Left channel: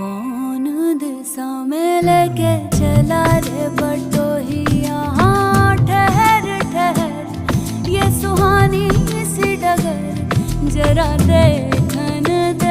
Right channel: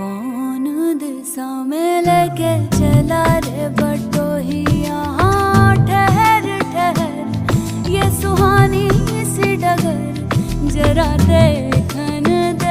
कौन दिशा में लेके चला रे बटोही, यहाँ ठहर ठहर ये सुहानी सी डगर जरा देखन दे।